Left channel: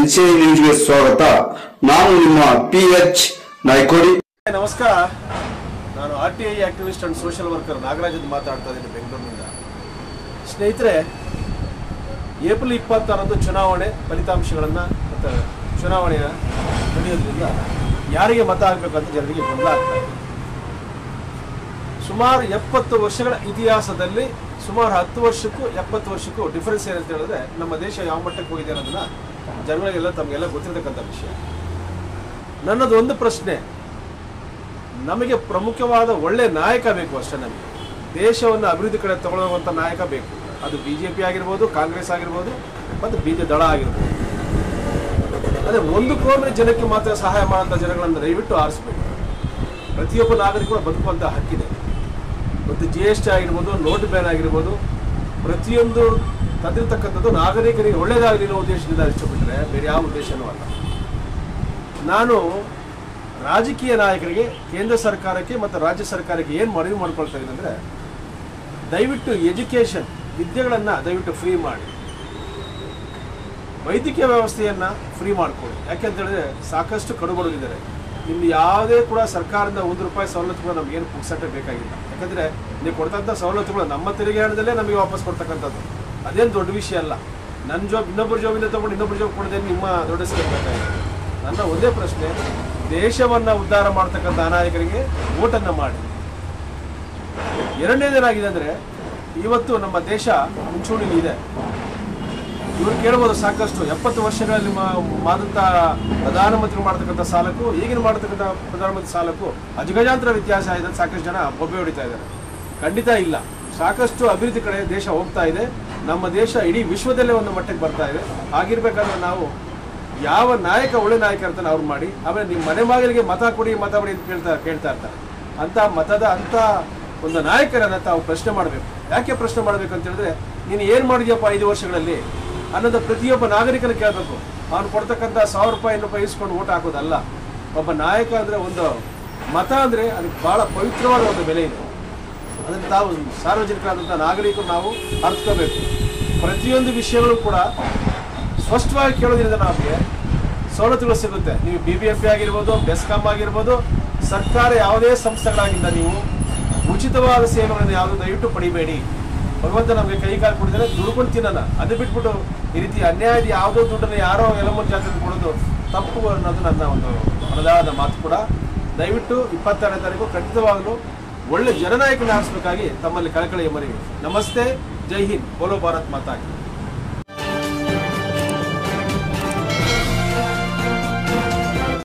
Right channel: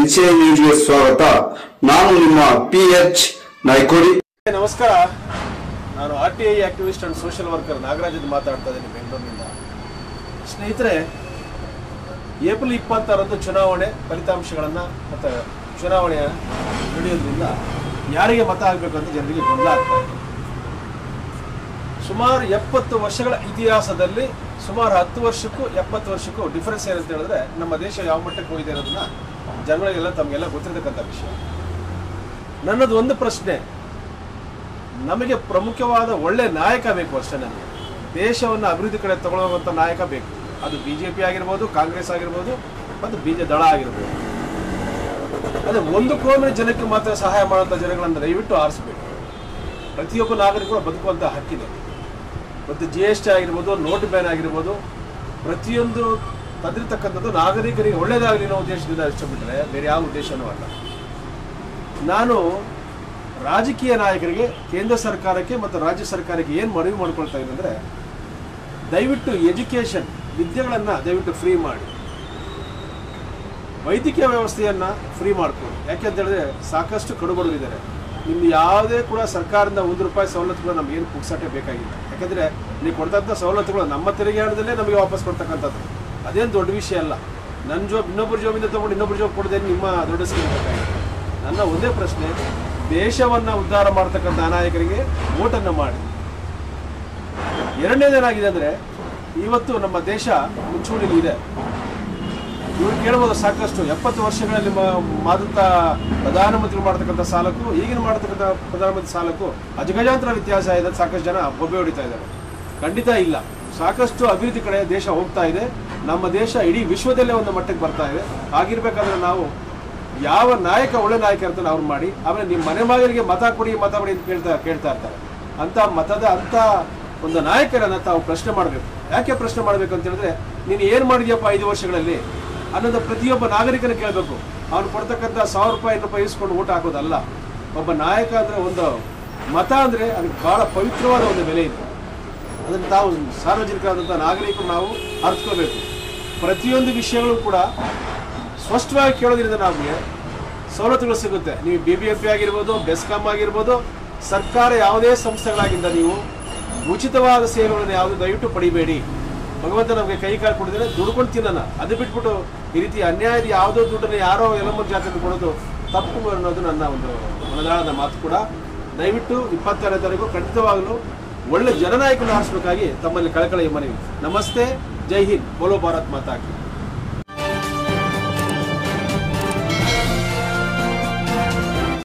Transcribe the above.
NCI ನ್ಯೂಸ್ಗೆ ಸ್ವಾಗತ. ನಾನು ನಿಮ್ಮ PH ನಾಯ್ಕೋಡಿ. ನಮಸ್ಕಾರ. ನಾನು RTI activist and social worker Nagaraj ಮಾತಾಡ್ತಾ ಇದ್ದೀನಿ ಬೆಂಗಳೂರಿನಿಂದ. ಸ್ನೇಹಿತರೆ, ಏಪ್ರಿಲ್ 26ರಂದು ಚುನಾವಣೆ ಫಲಿತಾಂಶಗಳನ್ನು ಮತ್ತು ಚುನಾವಣೆಯ ನಡೆಯೋದ್ರಿಂದ ಯಾರಿಗೆ ಮತ ಆಗಬೇಕಂತ ಜನರಿಗೆ ಗೊಂದಲ ಆಗ್ತಾ ಇದೆ. ಸುಮಾರು 70 ವರ್ಷಗಳ ಇತಿಹಾಸದಲ್ಲಿ ಸುಮಾರು 10 ವರ್ಷಕ್ಕೂ 70 ವರ್ಷಕ್ಕೂ ಡಿಫರೆನ್ಸ್ ಏನಂತ ಹೇಳಿದ್ರೆ ನಮ್ಮ ದೇಶ ಯಾವ ಮಟ್ಟಕ್ಕೆ ಹೋಗಿದೆ ಅನ್ನೋದನ್ನ ಜನಗಳಿಗೆಲ್ಲ ತಮಗೆಲ್ಲ ಗೊತ್ತಿರತಕ್ಕಂಥ ವಿಷಯ. ನನ್ನದು ಒಂದು ಪ್ರಶ್ನೆ, ನಮಗೆ ಪ್ರಮುಖವಾದ ಒಳ್ಳೆ ನಾಯಕ ಬೇಕು ಅಷ್ಟೇ. ನಮಗೆ ದೇಶವನ್ನು ಅಭಿವೃದ್ಧಿ ಕಡೆ ತಗೊಳ್ಳುವಂಥ ನಾಯಕ ಬೇಕು. ಅದು BJP ಆಗಿರ್ಬೋದು, ಕಾಂಗ್ರೆಸ್ ಆಗಿರ್ಬೋದು, ಮತ್ತು BJP ದಳ ಆಗಿರ್ಬೋದು. ಅದೇ ಒಂದು ಕೋಮಿನ ಜನಕ್ಕೆ ಮಾತ್ರ ಸಹಾಯ ಮಾಡುವಂಥ ಜನಗಳನ್ನು ದಯವಿಟ್ಟು ಆರಿಸಬೇಕು. ಪ್ರತಿಯೊಬ್ಬ ನಾಗರಿಕರು ಬದುಕುವಂಥ ಹಕ್ಕಿದೆ. ಮತ್ತು GST ಆಗಿರ್ಬೋದು, ನೋಟ್ ಬ್ಯಾನ್ ಆಗಿರ್ಬೋದು, ಪ್ರತಿಯೊಂದು ತಂದಿರತಕ್ಕಂಥದ್ದು ನಾಗರಿಕರಿಗೆ ಒಳ್ಳೆಯದಾಗಲಿ ಅನ್ನೋ ಉದ್ದೇಶದಿಂದ ಇಷ್ಟಪಟ್ಟರೆ ಬೇರೆ ಯಾವ ಉದ್ದೇಶನೂ ಅಲ್ಲ. ನಾನು ರಾಜಕೀಯ ನಾಯಕರಿಗೆ, ಕೇಂದ್ರ ಸರ್ಕಾರಕ್ಕೆ ಮತ್ತು ರಾಜ್ಯ ಸರ್ಕಾರಕ್ಕೆ ಏನು ಮನವಿ ಮಾಡ್ಕೊಳ್ತಾ ಇದ್ದೀನಿ ಅಂದರೆ, ದಯವಿಟ್ಟು ಎಜುಕೇಷನ್ ವಿದ್ಯೆಗಳನ್ನು ದಯವಿಟ್ಟು ಫ್ರೀ ಮಾಡಿ, ವೈದ್ಯಕೀಯ ವ್ಯವಸ್ಥೆಯನ್ನು ಫ್ರೀ ಮಾಡಿಕೊಳ್ಳಿ. ಯಾಕೆಂತೇಳಿದ್ರೆ ಸಾಕಷ್ಟು ಕಡುಬಡವಿದ್ದಾರೆ. ಇಲ್ಲಿ ಯಾವುದೇ ಕೂಡ ಸರ್ಕಾರದಿಂದ ₹1 ಸವಲತ್ತುಗಳು ನಮಗೇನು ಪುಕ್ಸಟ್ಟೆ ಬೇಕಾಗಿಲ್ಲ. ಯಾಕೆಂದರೆ ನೀವು ಕೊಡ್ತಂಥ ಸವಲತ್ತುಗಳು ನಮ್ಮ ತೆರಿಗೆ ಹಣದಲ್ಲೇ ನಮಗೆ ವಾಪಸ್ ಕೊಡ್ತಕ್ಕಂಥದ್ದು. ಅದೇನು ದೊಡ್ಡ ವಿಷಯ ಅಲ್ಲ. ನನ್ನ ಜಾಬ್ ಇನ್ನೊಬ್ಬರ ಜಾಬಿಂದ ತೊಗೊಂಡು ಇನ್ನೊಬ್ಬರ ಜಾಬ್ ಕೊಡೋದೇ ನಿಮ್ಮ ದೊಡ್ಡ ಸ್ಕೀಮ್ ಬೇಕಾಗಿದೆ. ನನ್ನ ಒಂದೇ ಪ್ರಶ್ನೆ, ದೇಶವನ್ನು ಉದ್ಧಾರ ಮಾಡ್ತಕ್ಕಂಥ ನಾಯಕರಿಗೆ ವೋಟನ್ನು ಮಾಡಿ. ಎರಡನೇದೇನಾಗಿದೆ ಅಂದರೆ, ಇವತ್ತು ನಮ್ಮ ದೇಶ ಮುಂಚೂಣಿಲಿ ಇದೆ. ಇವರು ಕೇಳ್ಬೋದು ಸಾಕಷ್ಟು 70 ವರ್ಷಗಳಲ್ಲಿ ಮಾಡಿದಂಥ ಪ್ರಧಾನಮಂತ್ರಿ ಮಾಡ್ತಕ್ಕಂಥ ಸಾಲಕ್ಕೂ ಈಗಿನ ಮಾಡ್ತಕ್ಕಂಥ ಪ್ರಧಾನಮಂತ್ರಿ ಸಾಲಕ್ಕೂ ಅಜಗಜಾಂತರ ವ್ಯತ್ಯಾಸ ಇದೆ. ಸಾಕಷ್ಟು ಜನ ಬೊಬ್ಬೆ ಹೊಡಿತಾ ಇದ್ದಾರೆ. ಖಂಡಿತ ಇಲ್ಲ. ಸಾಕಷ್ಟು ಅಭಿವೃದ್ಧಿ ಕಡೆ ದೇಶ ಹೋಗ್ತಾ ಇದೆ. ನಮ್ಮ ದೇಶ ಇಡೀ ವಿಶ್ವದಲ್ಲೇ ಒಂದು ಮಟ್ಟಕ್ಕೆ ಬರ್ತಾ ಇದೆ. ಆಗಿರ್ಬೇಕಾದ್ರೆ ನಾವು ಯಾವ ನಾಯಕ ಒಳ್ಳೆ ನಾಯಕ ಇರ್ತಾನೆ ಅವ್ರು ಮಾಡಿ. ಆಮೇಲೆ ನಿಮ್ಮ ಮನೆ ಮಗನಿಗೆ ಮತ ಕೊಡಿ ಅಂತ ಕೇಳ್ತಾ ಇರ್ತಾರೆ. ಅಂತ ಒಂದು ನಾಯಕರನ್ನ ತಾವು ಪ್ರಶ್ನೆ ಮಾಡಬೇಕು. ಯಾಕೆ ಪ್ರಶ್ನೆ ಮಾಡಬೇಕು ಅಂತ ಹೇಳಿದ್ರೆ, ನೀನು ಏನು ಮಾಡಿದ್ಯಪ್ಪ 5 ವರ್ಷಗಳಲ್ಲಿ ಅನ್ನೋದು ಪ್ರತಿಯೊಬ್ಬ ನಾಗರಿಕನ ಕೇಳಬೇಕು. ಅವ್ನು ಕೊಡ್ತಕ್ಕಂಥ ₹1000 ಇಸ್ಕೊಂಡು ಓಟ್ ಹಾಕೋದಲ್ಲ. ಒಬ್ಬ ನಾಯಕ ಅಂದರೆ, ಒಂದು ಮತ ಅಂದರೆ ಅದಕ್ಕೆ ಬಹಳ ಪವಿತ್ರವಾದ ಒಂದು ಬೆಲೆ ಇದೆ. ಅದನ್ನು ತಾವು ಸಾರ್ವಜನಿಕರಾದಂಥ ನಾಗರಿಕರು ನಾವು ಅರ್ಥಕೋಬೇಕು. ಪ್ರತಿಯೊಂದು ವಿಷಯಗಳು ಕೂಡ ಸ್ಪಷ್ಟವಾಗಿ ಕೇಳೋದ್ರಿಂದ ನಮಗೆ ಸವಲತ್ತುಗಳು ಸಿಗುತ್ತೆ. ನೀವು BBMP ಆಗಿರ್ಬೋದು, ಬೆಸ್ಕಾಂ ಆಗಿರ್ಬೋದು, ಸರ್ಕಾರ ಯಾವುದೇ ಸಂಸ್ಥೆಗಳಾಗಿಂದ ನೀವು ಉಚಿತವಾದ ಸೇವೆಗಳನ್ನು ಯಾವುದು ದಯವಿಟ್ಟು ಪಡಿಬೇಡಿ. ಭಗವಂತ ನಮಗೆ ಕೈ ಕಾಲು ಕೊಡಿದರೆ ದುಡ್ಕೊಂಡು ತಿನ್ನೋಣ. ಅದು ಬಿಟ್ಬಿಟ್ಟು ಈ ರೀತಿ ಅನ್ಯಾಯದ ಯಾವುದೋ ದುಡ್ಡನ್ನು ಯಾರೋ ಎಲ್ಲಮ್ಮನ ಜಾತಿಯಲ್ಲಿ ಕೊಡೋದು ತಪ್ಪು ಅನ್ನೋದು ನನ್ನ ಒಂದು ಮನದಾಳದ ಮಾತು ಕೂಡ. ದಯವಿಟ್ಟು 26ನೇ ತಾರೀಕು ಖಂಡಿತವಾಗಲೂ ಒಳ್ಳೆ ಜನನಾಯಕನ ಆರಿಸಬೇಕಾಗಿ ತಮ್ಮಲ್ಲಿ ಕಳಕಳಿಯ ಮನವಿ. ನಮಸ್ತೆ, ಜೈ ಹಿಂದ್, ಬೋಲೋ ಭಾರತ್ ಮಾತಾ ಕಿ.